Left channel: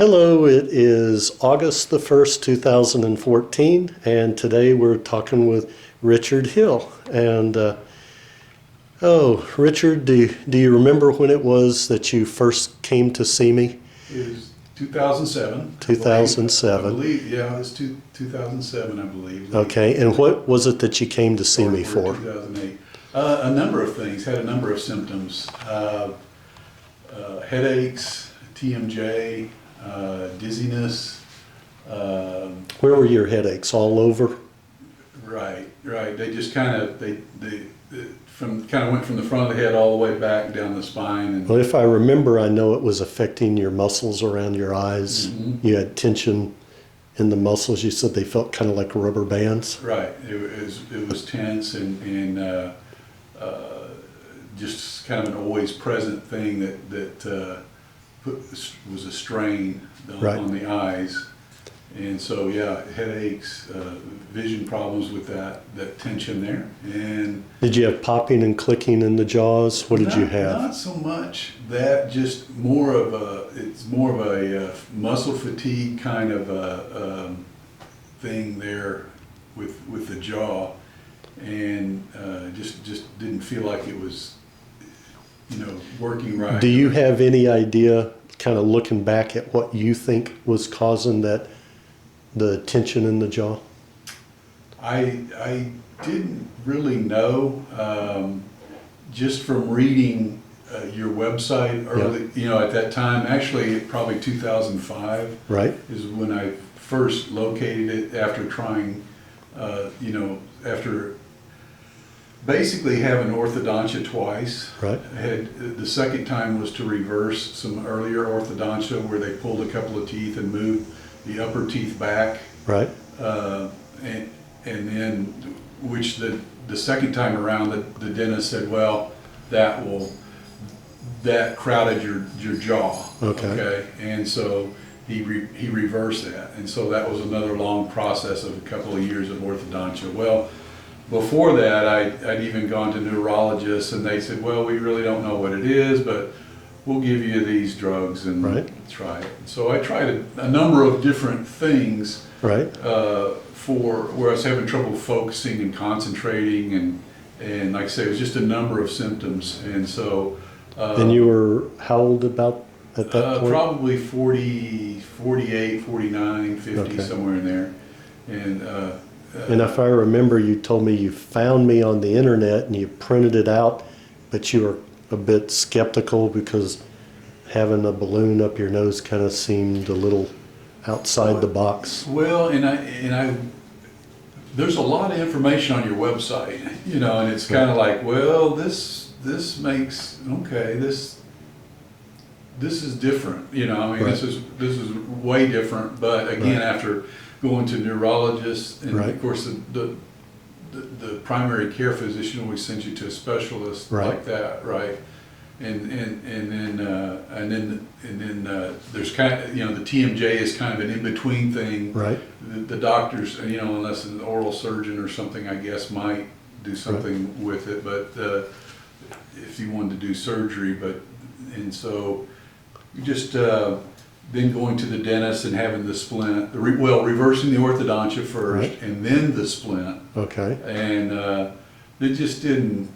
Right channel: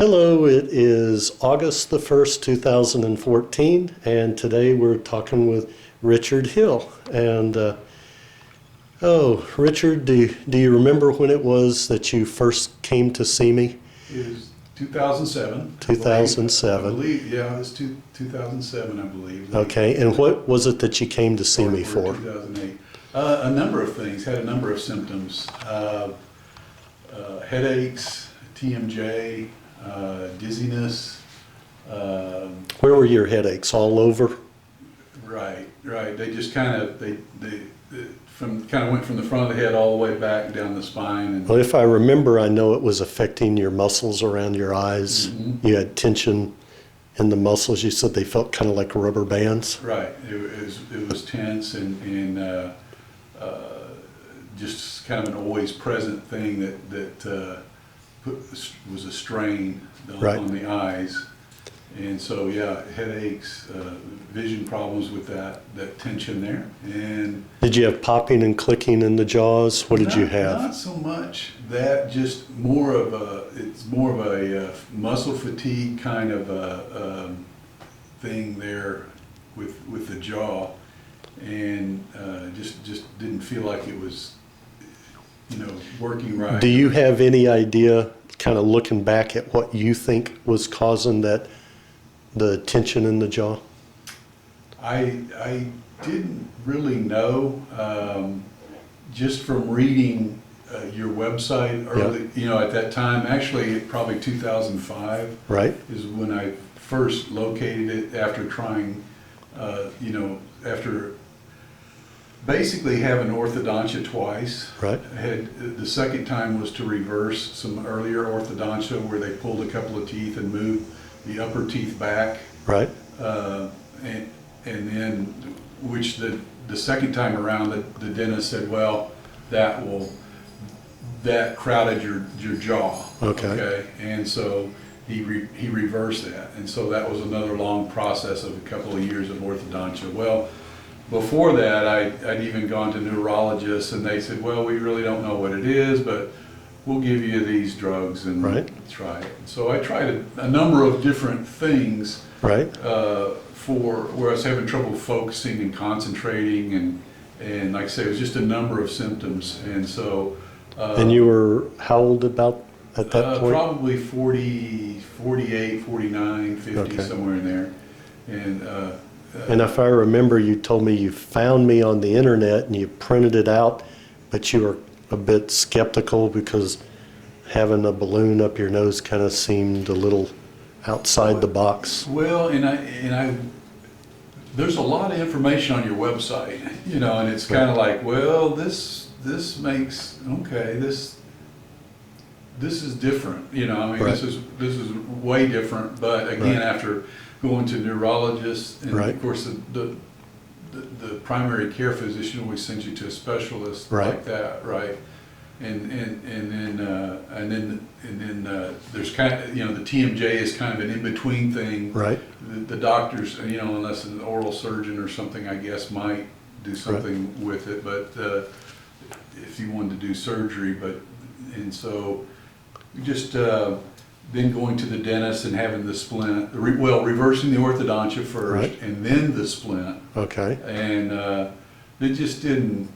Hello, it is August the 1st, 2014, and today we're talking with Richard Hill. And, Richard, do you remember when it was that you first came to see me? It was 2007. 2007. I believe, yeah, it was 2007, I believe. Okay, and what was it that you came to see me for? 2008. A number of things, had a number of symptoms. Headaches, TMJ, dizziness. Where were your headaches? All over? Right. They just kind of, they went from the front of the head all the way back down the spine. And Well, if I remember, I know it was affecting your muscles around your eyes. Mm-hmm. You had tension in the muscles. You said they felt kind of like rubber bands. Right. It was tense and just kind of an always present thing that was a strain on the eyes. And so, yeah, headaches, vision problems with that tension there. And Did you have popping and clicking in the jaws? What did you have? Not so much that, just more of a muscle fatigue kind of a thing there with the jaw, and just didn't feel like it was, working right. Do you have any idea, kind of looking back at what you think was causing the tension in the jaw? I didn't really know, just from reading your website early, at that time, actually probably 2005 Right. is when I first located it after trying, after basically having orthodontia twice. Right. The second time was to reverse some earlier orthodontia where they pulled a couple of teeth and moved the upper teeth back. Right. And then, which the second time around, the dentist said, well, that crowded your jaw. Okay. And so he reversed that. And so that was another long process of a couple of years of orthodontia. Well, before that, I'd even gone to neurologists, and they said, well, we really don't know what it is, but we'll give you these drugs and try it. So I tried a number of different things. Right. For where I was having trouble focusing and concentrating, and like I say, it was just a number of symptoms. And so And you were how old about at that point? Probably 40, 48, 49, 50, somewhere in there. And if I remember, you told me you found me on the internet and you printed it out, but you were a bit skeptical because having a balloon up your nose kind of seemed a little outside the box. Well, and I there's a lot of information on your website, and it's kind of like, well, this makes, this is different, this is way different. But again, after going to neurologists, and of course the primary care physician always sends you to a specialist like that, right? And then there's kind of, the TMJ is kind of an in-between thing. Right. The doctors, unless an oral surgeon or something, I guess, might do something with it. But if you wanted to do surgery, and so we just then going to the dentist and having the splint, reversing the orthodontia first, and then the splint. Okay. And it just didn't.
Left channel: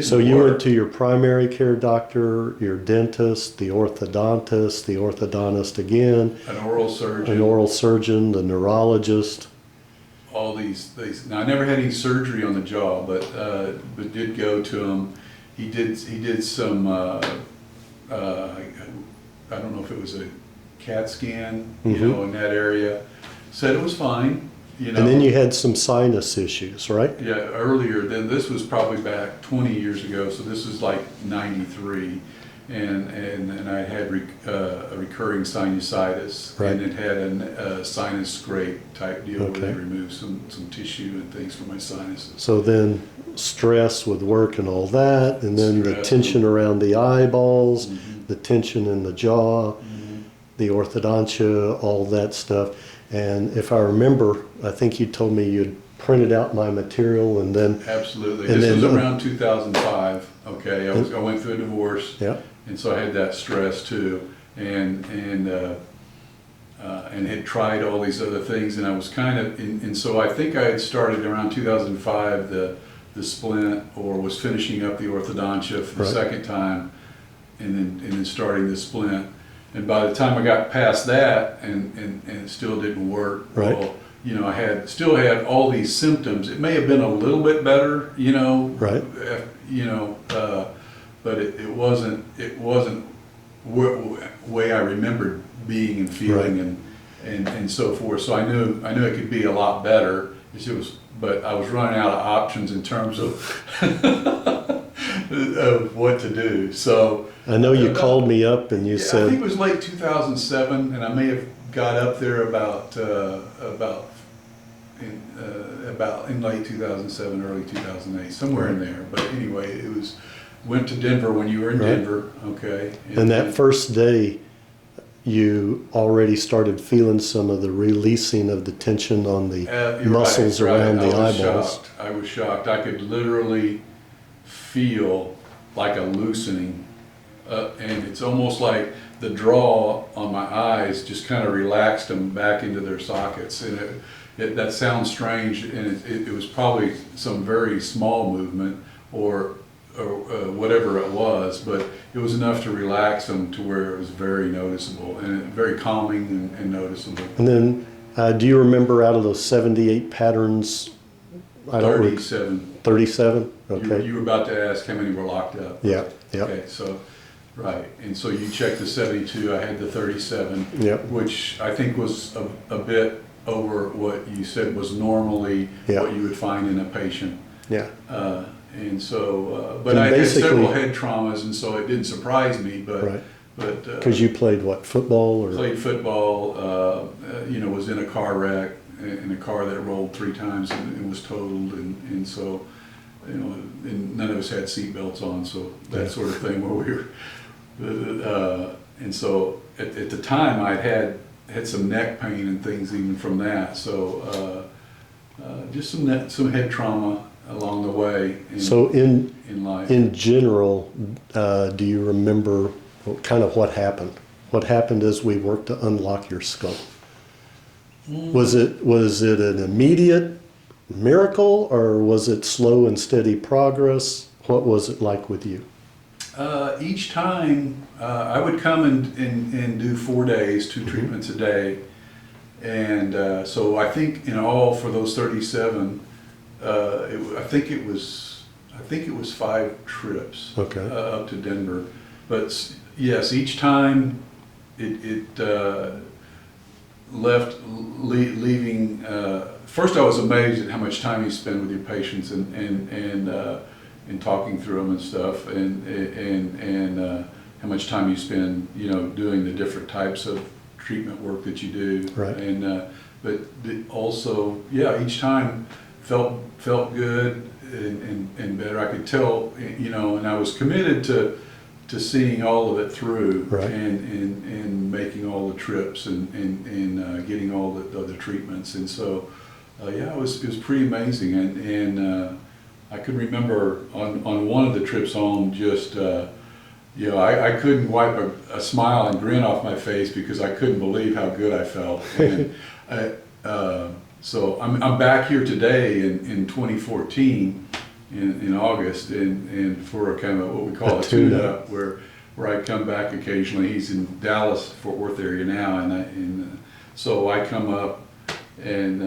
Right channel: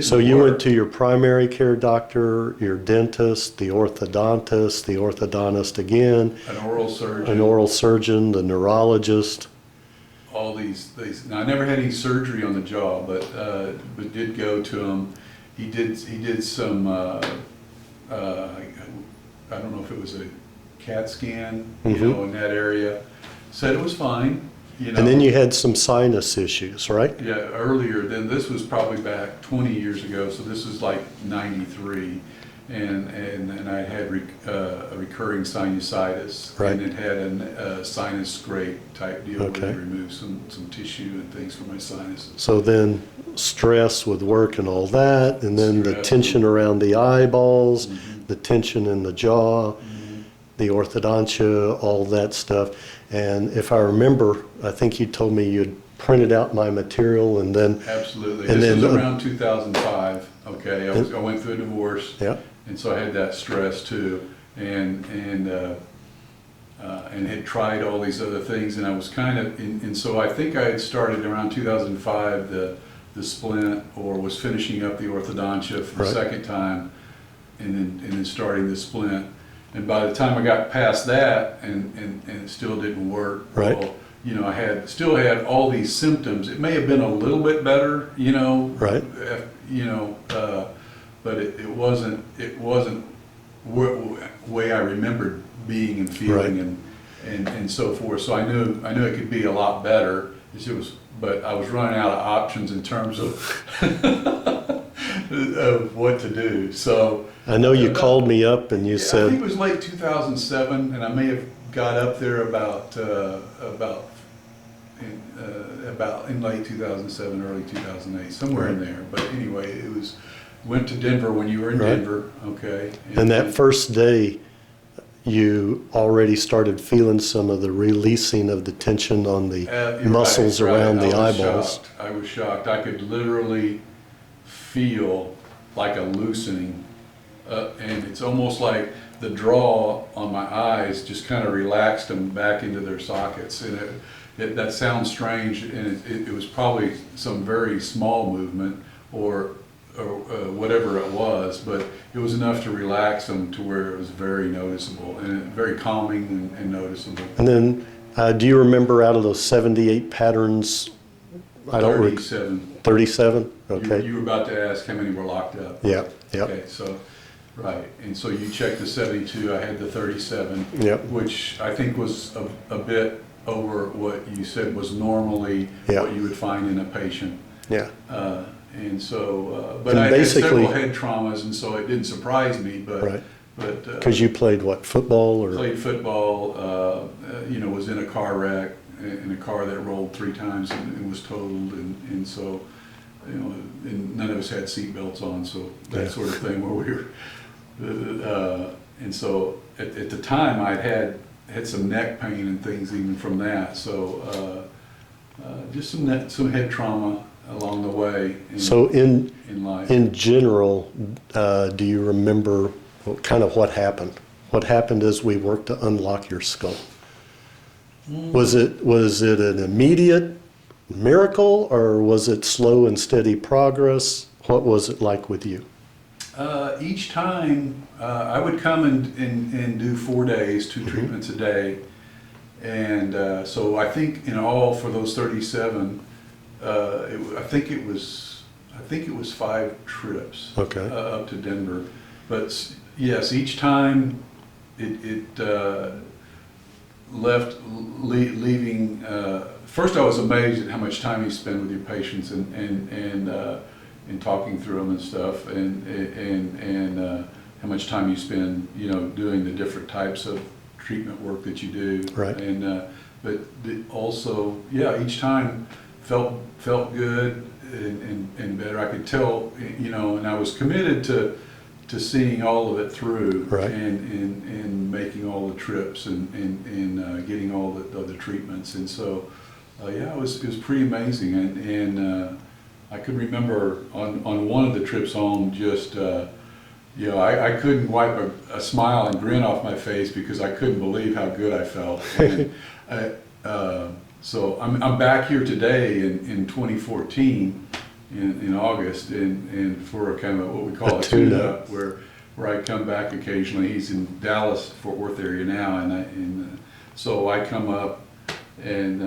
So you went to your primary care doctor, your dentist, the orthodontist again, an oral surgeon, the neurologist. All these. Now I never had any surgery on the jaw, but did go to him. He did some. I don't know if it was a CAT scan, in that area. Said it was fine. And then you had some sinus issues, right? Yeah, earlier. Then this was probably back 20 years ago. So this was like 93, and I had a recurring sinusitis, and it had a sinus scrape type deal where they removed some tissue and things from my sinuses. So then stress with work and all that, and then the tension around the eyeballs, the tension in the jaw, the orthodontia, all that stuff. And if I remember, I think you told me you'd printed out my material and then... Absolutely. And this was around 2005. Okay, I went through a divorce, and so I had that stress too. And and had tried all these other things, and I was kind of, and so I think I had started around 2005 the splint, or was finishing up the orthodontia for the Right. second time, and then starting the splint. And by the time I got past that, and it still didn't work, Right. well, you know, still had all these symptoms. It may have been a little bit better, you know, Right. But it wasn't way I remembered being and feeling, Right. and so forth. So I knew it could be a lot better. But I was running out of options in terms of of what to do. So I know you called me up and you I said, think it was late 2007, and I may have got up there about in late 2007, early 2008, somewhere in there. But anyway, went to Denver when you were in Right. Denver, okay? and that first day, you already started feeling some of the releasing of the tension on the You're muscles right, around right. the eyeballs. I was shocked. I could literally feel like a loosening, and it's almost like the draw on my eyes just kind of relaxed them back into their sockets. And that sounds strange, and it was probably some very small movement or whatever it was, but it was enough to relax them to where it was very noticeable and very calming and noticeable. And then, do you remember out of those 78 patterns, 37. 37? Okay. You were about to ask how many were locked up. Yeah, yeah. Okay, so, right, and so you checked the 72, I had the 37, Yep. which I think was a bit over what you said was normally Yeah. what you would find in a patient. Yeah. And so, but And I had basically- several head traumas, and so it didn't surprise me, Right. but Because you played what, football or? played football, you know, was in a car wreck, in a car that rolled 3 times and was totaled, and so, you know, and none of us had seat belts on, so that Yeah. sort of thing where we were, and so at the time I had some neck pain and things even from that, so just some head trauma along the way So in life. in general, do you remember kind of what happened? What happened as we worked to unlock your skull? Was it an immediate miracle, or was it slow and steady progress? What was it like with you? Each time I would come and do 4 days, 2 treatments a day, and so I think in all for those 37, I think it was 5 trips Okay. up to Denver. But yes, each time it leaving. First, I was amazed at how much time you spend with your patients and talking through them and stuff, and how much time you spend, you know, doing the different types of treatment work that you do. Right. And but also, yeah, each time felt good and better. I could tell, you know, and I was committed to seeing all of it through, Right. and making all the trips and getting all the treatments. And so, yeah, it was pretty amazing. And I could remember on one of the trips home, just you know, I couldn't wipe a smile and grin off my face because I couldn't believe how good I felt. And so I'm back here today in 2014 in August, and for a kind of what we call a tune-up, where I come back occasionally. He's in Dallas, Fort Worth area now, and so I come up, and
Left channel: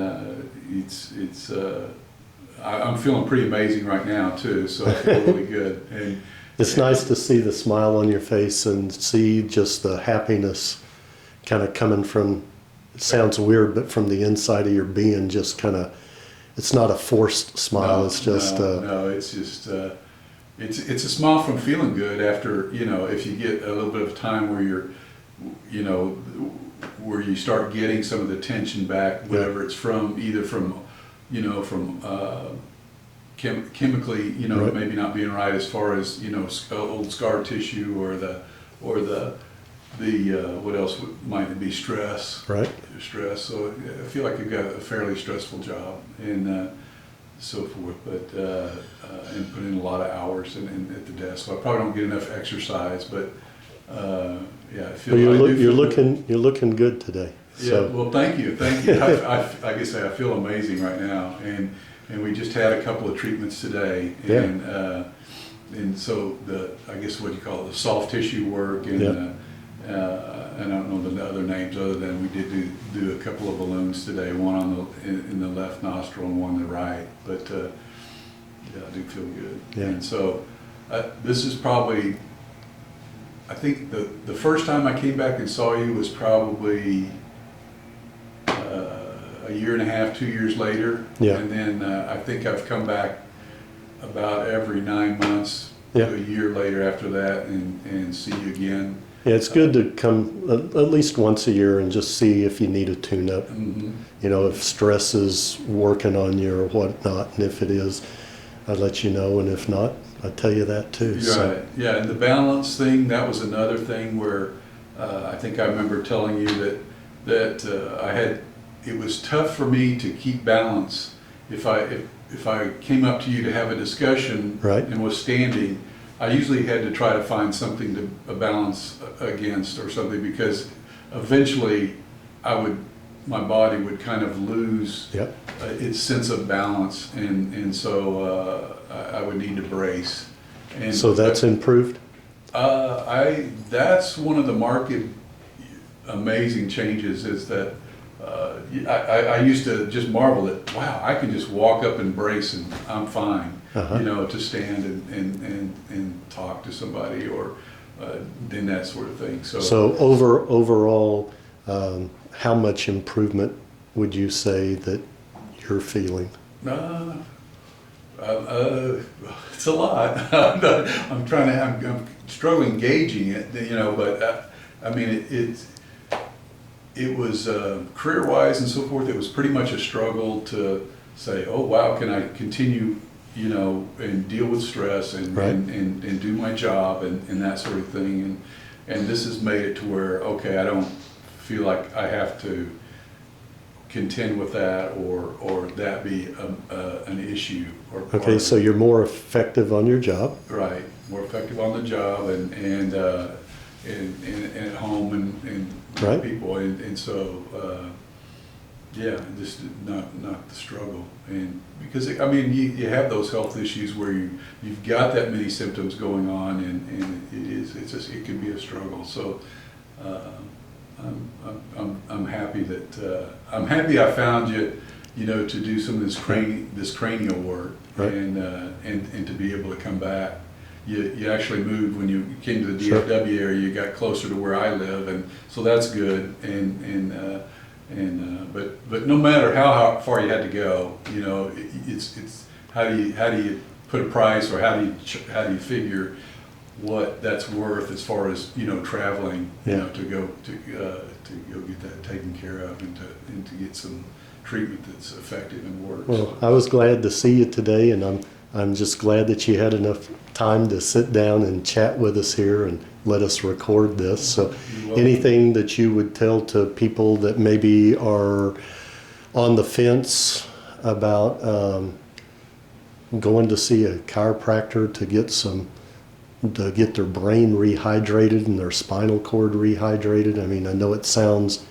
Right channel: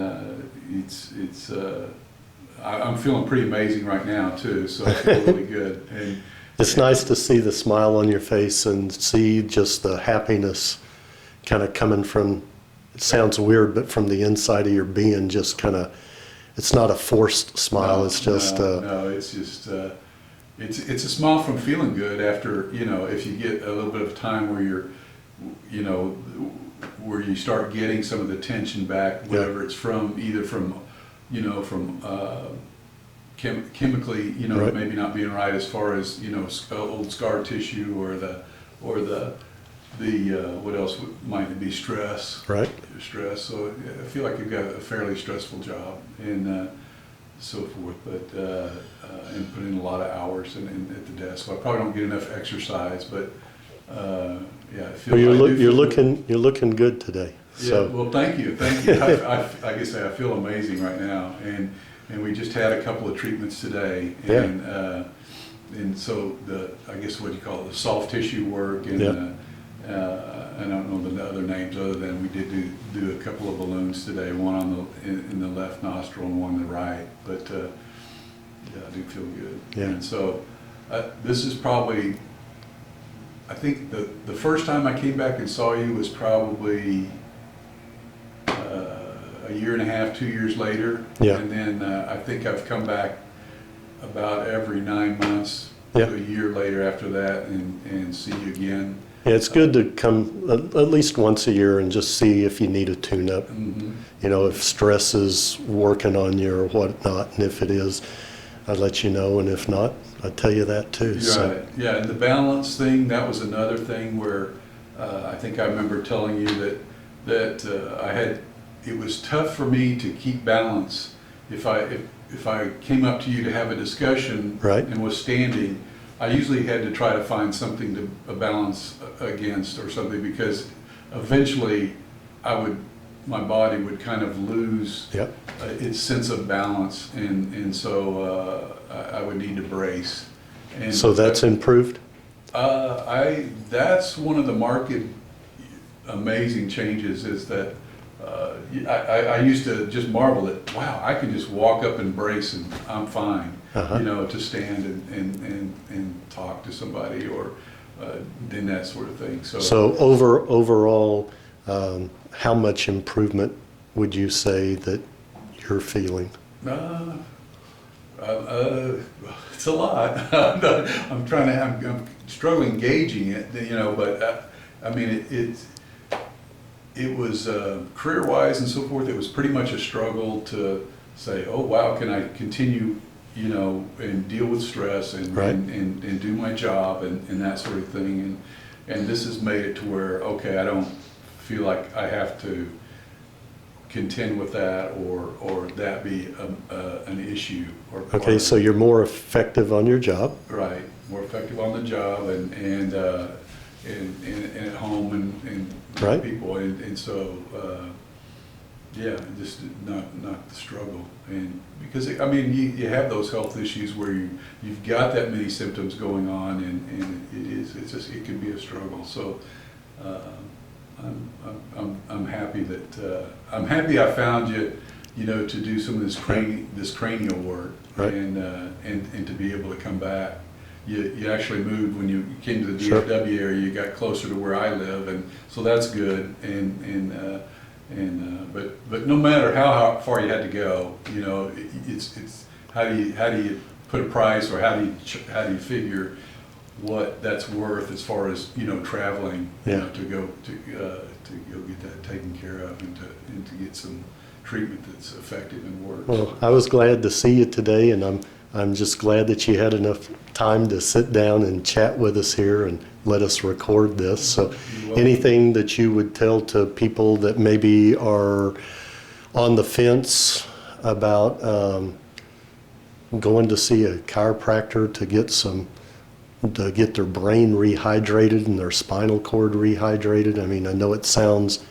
I'm feeling pretty amazing right now too. So I feel really good. And It's nice to see the smile on your face and see just the happiness kind of coming from, it sounds weird, but from the inside of your being, just kind of, it's not a forced smile. It's just it's just it's a smile from feeling good after, you know, if you get a little bit of time where you're, you know, where you start getting some of the tension back, whatever it's from, either from, you know, from chemically, you know, right. maybe not being right as far as, you know, old scar tissue or the what else might it be, stress. Right. Stress. So I feel like you've got a fairly stressful job and so forth, but and put in a lot of hours and at the desk. So I probably don't get enough exercise, but yeah, I feel, Well, I do feel you're looking good today. Yeah, So well, thank you. Like I say, I feel amazing right now, and we just had a couple of treatments today, and so I guess what you call it, the soft tissue work, and I don't know the other names other than we did do a couple of balloons today, one on in the left nostril and one in the right, but yeah, I do feel good. Yeah. And so this is probably, I think the first time I came back and saw you was probably a year and a half, 2 years later. Yeah. And then I think I've come back about every 9 months Yeah. to a year later after that and see you again. yeah, it's good to come at least once a year and just see if you need a tune-up. Mm-hmm. You know, if stress is working on you or whatnot, and if it is, I'd let you know, and if not, I'd tell you that too. Right. So, Yeah, and the balance thing, that was another thing where I think I remember telling you that it was tough for me to keep balance if I came up to you to have a discussion Right. and was standing. I usually had to try to find something to balance against or something, because eventually my body would kind of lose Yep. its sense of balance, and so I would need to brace. And So that's improved? that's one of the marked amazing changes, is that I used to just marvel that, wow, I can just walk up and brace and I'm fine. Uh-huh. You know, to stand and talk to somebody or then that sort of thing. So overall, how much improvement would you say that you're feeling? It's a lot. I'm struggling gauging it, you know, but I mean, it was career-wise and so forth, it was pretty much a struggle to say, oh, wow, can I continue, you know, and deal with stress and, Right. and do my job and that sort of thing. And this has made it to where, okay, I don't feel like I have to contend with that or that be an issue. Or Okay, so you're more effective on your job. right, more effective on the job and at home and Right. people, and so yeah, just not the struggle. And because I mean you have those health issues where you've got that many symptoms going on, and it can be a struggle. So I'm happy that I'm happy I found you, you know, to do some of this cranial work. Right. And to be able to come back. You actually moved when you came to the Sure. DFW area. You got closer to where I live, and so that's good. But no matter how far you had to go, you know, it's how do you put a price, or how do you figure what that's worth as far as, you know, traveling, you Yeah. know, to go get that taken care of and to get some treatment that's effective and works. Well, I was glad to see you today, and I'm just glad that you had enough time to sit down and chat with us here and let us record this. So You're welcome. anything that you would tell to people that maybe are on the fence about going to see a chiropractor to get their brain rehydrated and their spinal cord rehydrated? I mean, I know it sounds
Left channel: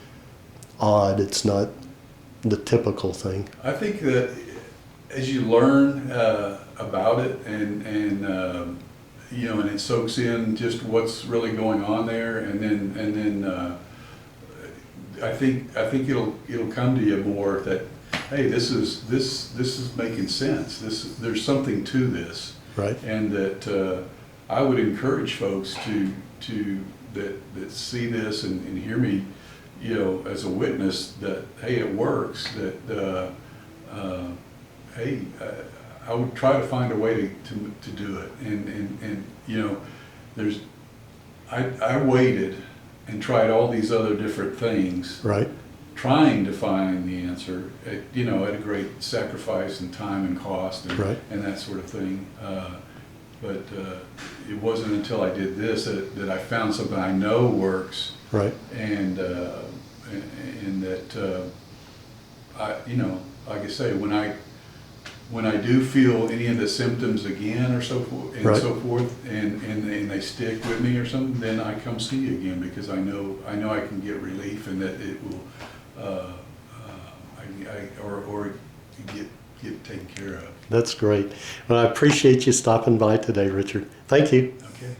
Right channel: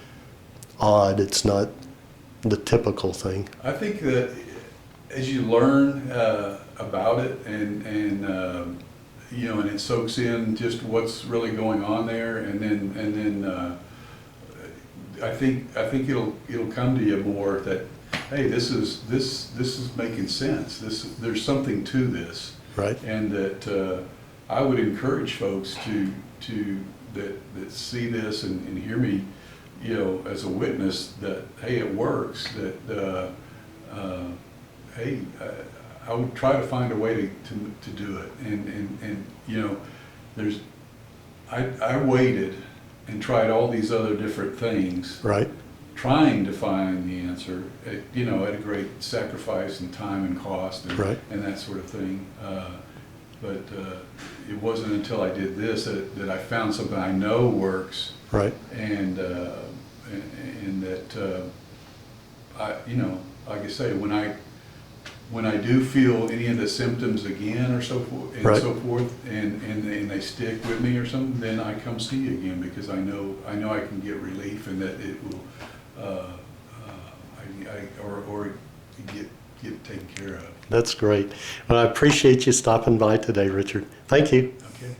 odd. It's not the typical thing. I think that as you learn about it and you know, and it soaks in just what's really going on there, and then I think it'll come to you more that, hey, this is making sense. There's something to this, Right. and that I would encourage folks that see this and hear me, you know, as a witness that, hey, it works. That hey, I would try to find a way to do it. And you know, I waited and tried all these other different things, Right. trying to find the answer, you know, at a great sacrifice and time and cost and, Right. and that sort of thing. But it wasn't until I did this that I found something I know works, Right. and that I, you know, like I say, when when I do feel any of the symptoms again or so forth, and Right. so forth, and they stick with me or something, then I come see you again, because I know I can get relief, and that it will, or get taken care of. That's great. Well, I appreciate you stopping by today, Richard. Thank you. Okay.